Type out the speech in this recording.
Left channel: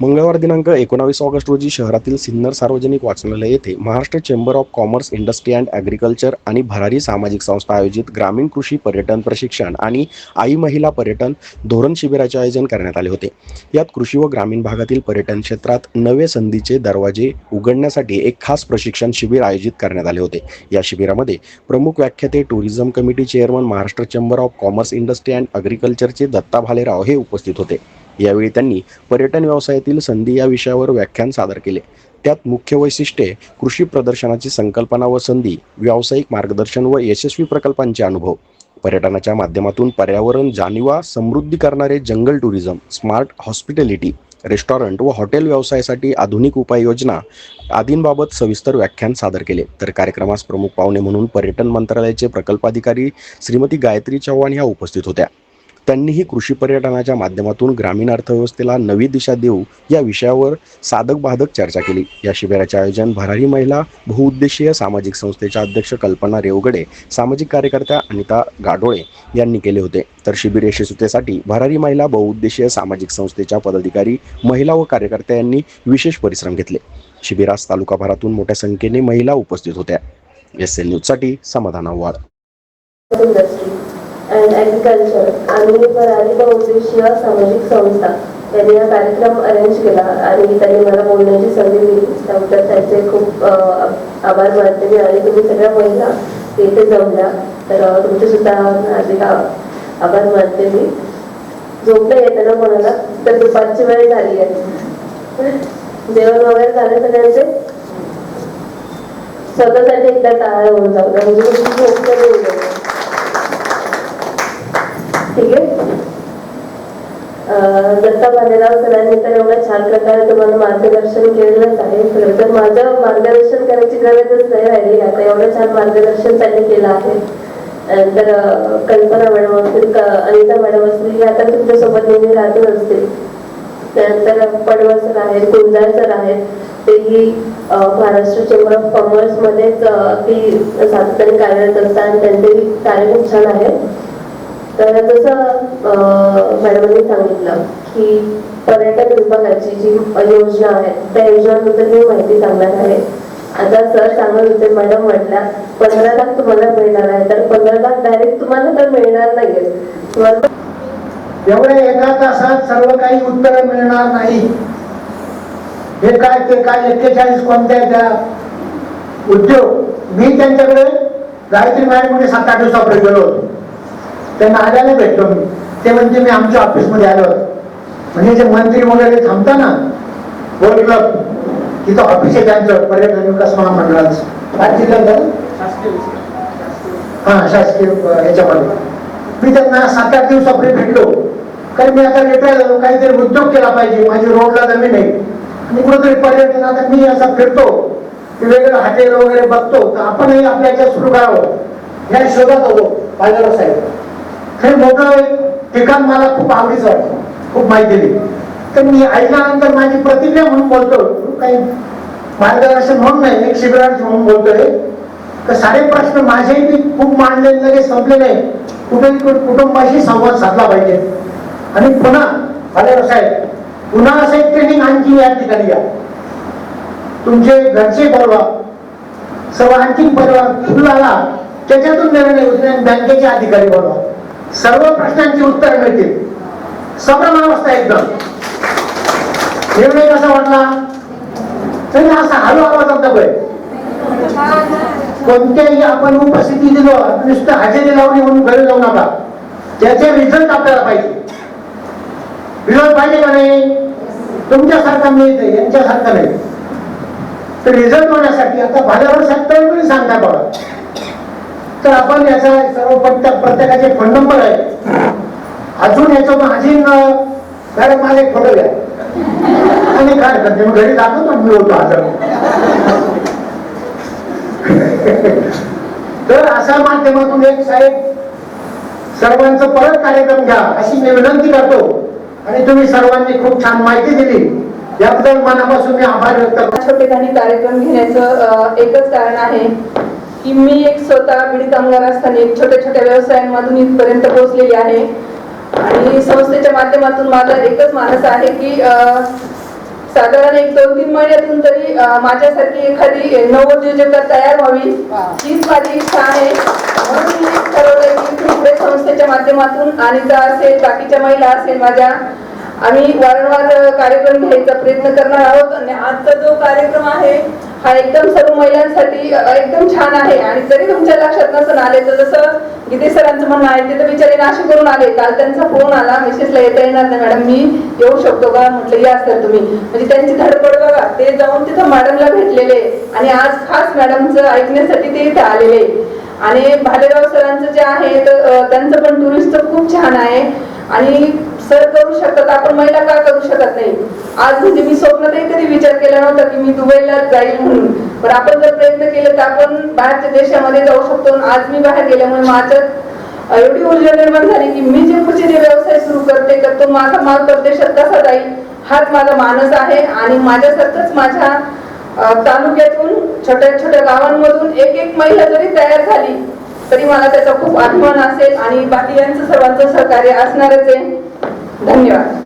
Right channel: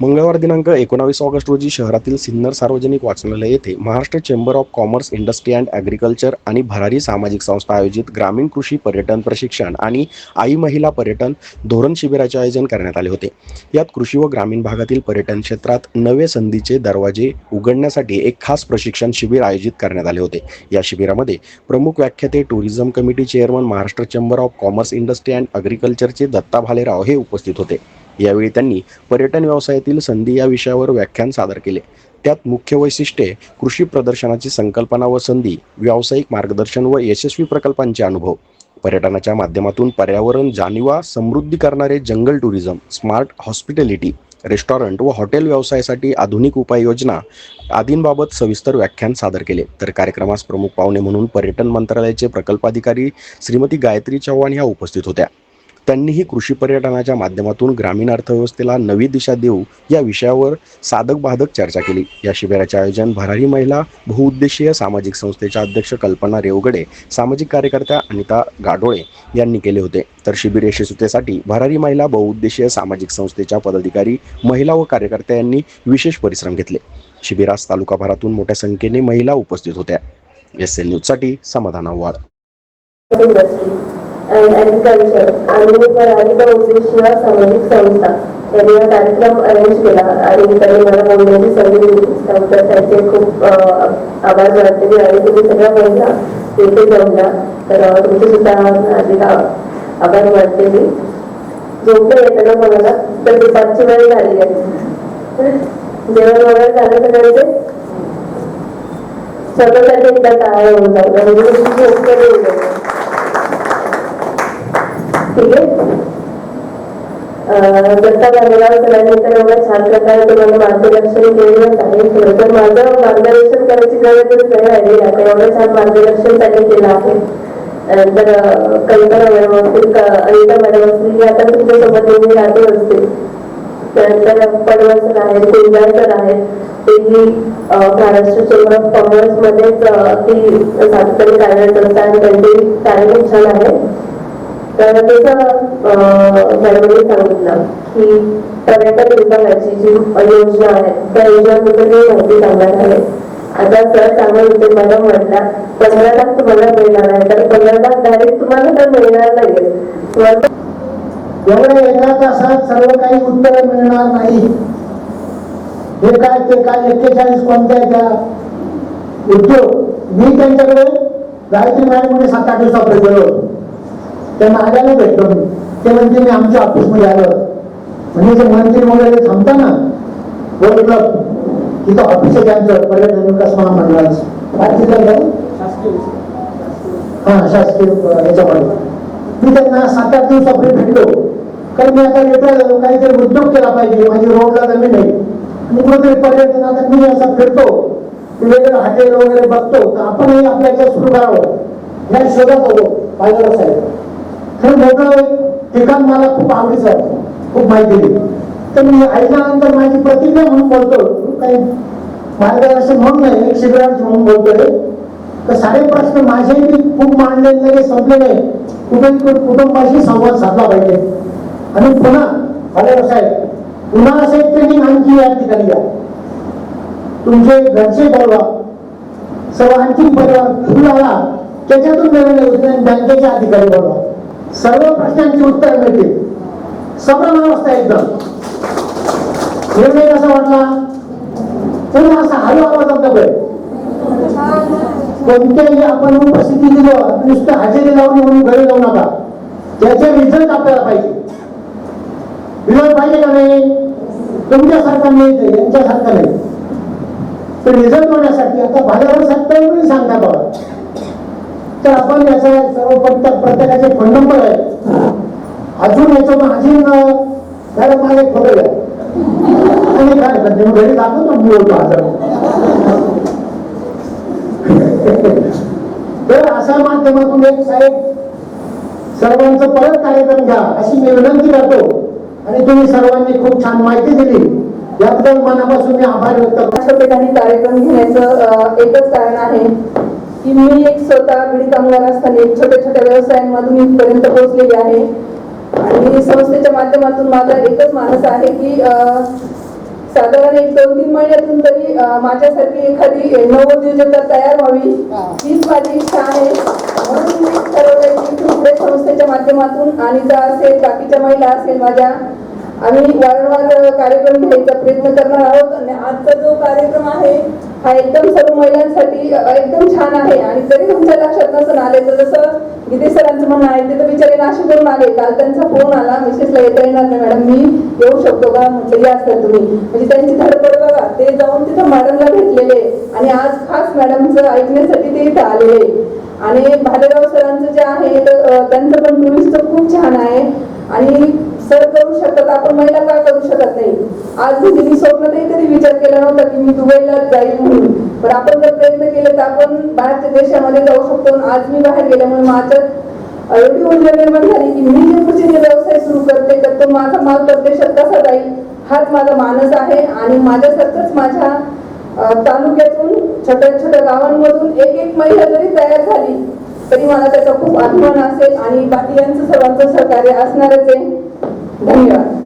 मंगळवार दिनांक एकोणावीस ऑगस्ट रोजी शहरातील सिन्नर सार्वजनिक वाचनालय येथे Maharashtra chamber of commerce industry and agriculture आणि भरारी सामाजिक संस्था आयोजित ग्रामीण कृषी पर्यटन प्रशिक्षण आणि आई महिला पर्यटन धोरण शिबिराचे आयोजन करण्यात आले होते. यात कृषी व ग्रामीण भागातील पर्यटन क्षेत्रात नवे संधीचे दरवाजे उघडण्यासाठी एक खास प्रशिक्षण शिबिर आयोजित करण्यात आले होते. या शिबिरामध्ये प्रमुख व्याख्याते tourism committee chairman Maharashtra chamber of commerce industry and ॲग्रिकल्चरचे Datta Bhalerao हे उपस्थित होते. यावेळी त्यांनी पर्यटन व्यवसायातील संधी या विषयावर व्याख्यान सादर केले. त्यात मुख्य वैशिष्ट्ये कृषी प्रदर्शनाची संकल्पना व संधी व्यावसायिक मार्गदर्शन व यशस्वी प्रकल्पांचे अनुभव पर्यटनाच्या माध्यमातून पर्यावरण जाणीवा समृद्धी करणारे जंगल टुरिझम स्मार्ट हॉस्पिटॅलिटी रेस्टॉरंट व हॉटेल व्यवसायासाठी आधुनिक उपाययोजना आदींबाबत सविस्तर व्याख्यान सादर केले. तर कार्यक्रमास प्रमुख पाहुणे म्हणून पर्यटन मंत्रालयाचे प्रकल्पाधिकारी श्रीमती गायत्री चव्हाण ह्या उपस्थित होत्या. त्यांनीही कृषी पर्यटनाच्या माध्यमातून ग्रामीण अर्थव्यवस्थेला नवी दिशा देऊ या विषयावर साधक बाधक चर्चा केली. या शिबिराचे आयोजन भरारी महिला बहुउद्देशीय सामाजिक संस्थेच्या अध्यक्ष कल्पना रेवगडे सामाजिक कार्यकर्त्या अनिता गाडोळे यांनी केले होते. तर शिबिर यशस्वीतेसाठी भरारी महिला बहुउद्देशीय सामाजिक संस्थेच्या पदाधिकारी महिला व कार्यकर्त्या यांनी विशेष परिश्रम घेतले. शिबिरास तालुकाभरातून मोठ्या संख्येने महिला उपस्थित होत्या. एस एल न्यूजसाठी समाधान आव्हाड. अँड ॲग्रिकल्चर आणि भरारी बहुउद्देशीय सामाजिक संस्था. त्यांनी हा कार्यक्रम अरेंज केला आणि त्यांनी मला बोलण्याची संधी दिली. त्याबद्दल त्यांचे खूप आभार मानते मी. आणि तुम्ही सगळ्या महिला इथे जमल्या तर तुमचे सुद्धा हार्दिक आभार मानते मी. झोपलं येताना कोणाला? तर दुपारची वेळ झाली आहे. जेवण वगैरे झाले सगळ्यांचे? स्वतःसाठी एकदा टाळ्या होऊन जाऊ म्हणजे झोपलं झोप कमी ठीक आहे. दत्ता भालेराव सरांनी तर एवढ्या छान प्रकारे तुम्हाला मार्गदर्शन केलेलंच आहे. खरं तर माझं मार्गदर्शन करायची गरजच नाही राहिली आता एवढं छान मार्गदर्शन त्यांनी केलं आहे. नंतर कल्पना मॅडम असतील अनिता मॅडम असतील या आता तुमच्यासोबत नेहमी राहतच असतील. त्यानंतर पडवळ सर आहेत कुंजाळ सर आहेत. तेही महाराष्ट्र चेंबर ऑफ कॉमर्स मध्येच ती सातत्याने कार्यरत असतात आणि त्यांचे कार्य खूप छान आहे. तर जसं अं, मॅडमांनी सांगितलं की पर्यटन विभागाची जी योजना आहे त्या योजनांबद्दल मी माहिती सांगणार आहे. आता सर सांगत होते मॅडम म्हटल्या पंधरा लाख तुम्हाला मिळणार आहे तर पंधरा लाख डायरेक्ट तुम्हाला तर मिळणार नाहीये. एवढ्या एका तासात सर्व काही उत्तर मिळणार नाही. हे काय ते काय एक्केचाळीस कोणत्या त्या उद्योग? मी त्यांच्याकडे गायत्री मॅडमकडे सात आठ दिवसापूर्वी गेलो होतो. त्यांना आल्याला भेटलो मी. ते म्हणजे मी आमच्या ऑफिसमध्ये आलो म्हणजे जे मंत्री वगैरे थांबता ना क्लब तिथं ऑफिस आहे त्यांचं पर्यटन विकास महामंडळाचं. काय जिल्ह्यात? हा शासकीय याच्यामध्ये. मी त्यांना सात आठ दिवसापूर्वी भेटलो. कारण मी आता रिटायर झालो काहीतरी उद्योग केला पाहिजे माझी रोडला जमीन आहे. आणि कुठेतरी पर्यटन आता मी असा फिरतो. की वेगवेगळे हॉटेल वगैरे बघतो. तर आपणही आपल्या याच्यात सुरू करावं या शोधात होतो पाहिलं साहेब हे मोठं एक ठिकाण मला खूप आवडीचं वाटतं खूप माहिती दिली. तर मी ऐकल्यानंतर माझी प्रतिक्रिया म्हणून बोलतो काही मार्गदर्शन म्हणून नाही एक शिबिरार्थी म्हणून बोलतोय तर सारे प्रश्न माझेही मी खूप मांडले लगेच संपले नाही. कुठे कुटुंबाशी संवाद साधला पाहिजे. आणि पुन्हा भालेराव साहेब पुन्हा असं एक ट्रेनिंग आणखी या ठिकाणी या. तुमचे घरचे बोलवा सर्व आणखी परिवार फुल आला त्याच्यातून निर्णय होतील बँकेचे अधिकारी बोलवा सर्व प्रश्नांची उत्तर मिळतील. सगळं एकदम. निर्णय कसा वाटला? तरी असा हळू आवाजात नकोय कोणत्याही आपण उपस्थिती दिलो नुसतं हजेरी लावली म्हणून घरी जाऊ नका. त्याचे रिझल्ट आपल्याला पाहिजे. रिझल्ट पाहिजे का नाही? तुमच्यासारखा मिळते यांच्यासारखा नाही. तर रिझल्ट होण्यासाठी आता भाल्यावर साहेब सांगता बघा. तर आपण याचा सर्व प्रत्येकाचे फोन नंबर आहे अजून याचं माझी मॅडम माझे फोटो घ्या. आणि काय करते? मग घरी दाखवतो मी होतो हजार तर अशा माध्यमातून एक साहेब सर्वांचं परत कार्यक्रम घ्या अशी मी विनंती करतो. आणि तुम्ही सर्वांनी खूप छान माहिती दिली. याबद्दल मनापासून मी आभार व्यक्त करतो. अशा कार्यक्रम घेण्याचं एकच कारण आहे. की मी एक स्वतः बीड कामगार असताना एक छोट्या छोट्या व्यवसायांमधून इथपर्यंत पोहोचलेली आहे. आणि संस्थेच्या माध्यमातून माझा एकच मानस आहे की साधारण एक दोन तीन महिन्यातून तरी माझ्यासारखी एखादी नवोद्योजक तयार व्हावी. हीच माझी इच्छा आहे. म्हणून मी ठरवलंय की पुढे संस्थेच्या माध्यमातून अनिता असेल बाकीच्या महिला असेल माझ्या आम्ही वारंवार कार्यक्रम घ्यायचा प्रयत्न करणार आहोत. आणि आजचा जो कार्यक्रम आहे हा एकदम सर्व महिलांसाठी एकदम छान आहे. आणि जरी तुमच्या लक्षात नसून आले तर जसं गीते सरांचं म्हणणं आहे ते तर बिचारे नाशिक करून आले. काल त्यांचा फोन आला मिसेसला येता येणार नाही. मॅडम मी येऊ शकतो का? म्हटलं या सर तुम्ही. म्हणजे त्यांची धडपड बघा ते जाऊन तिथं मॅडमला भेटलेले. आणि आज खास मॅडमचं ऐकण्यासाठी ते इथे आलेले. आणि भालेराव सरांचं जे आहे तर त्यांचं पण टुरिस्ट खूप छान आहे. आणि सर करू शकतात आपण महिला का करू शकत नाही? आज म्हणजे मी स्वप्नातही कधी विचार केला नव्हता की मी दुबईला जाईल म्हणून. पण आपण जर प्रयत्न केले तर आपण बाहेरच्या देशामध्ये जाऊ शकतो आज मी बाहेर गेल्यामुळे माझ्यात एवढी ऊर्जा निर्माण झाली की मी जे पुढचे जे व्यवसाय सुरू करते तर तो माझा माल परदेशात कसा जाईल? हाच माझा मानस आहे आणि माझ्यासारखंच माझ्या तालुक्यातून छोट्या छोट्या गावांमधून एक एक महिला जरी तयार झाली तरी मला त्याचा खूप अभिमान असेल आणि बाकी यांचं सर्वांचं सहकार्य असणारच आहे. धन्यवाद.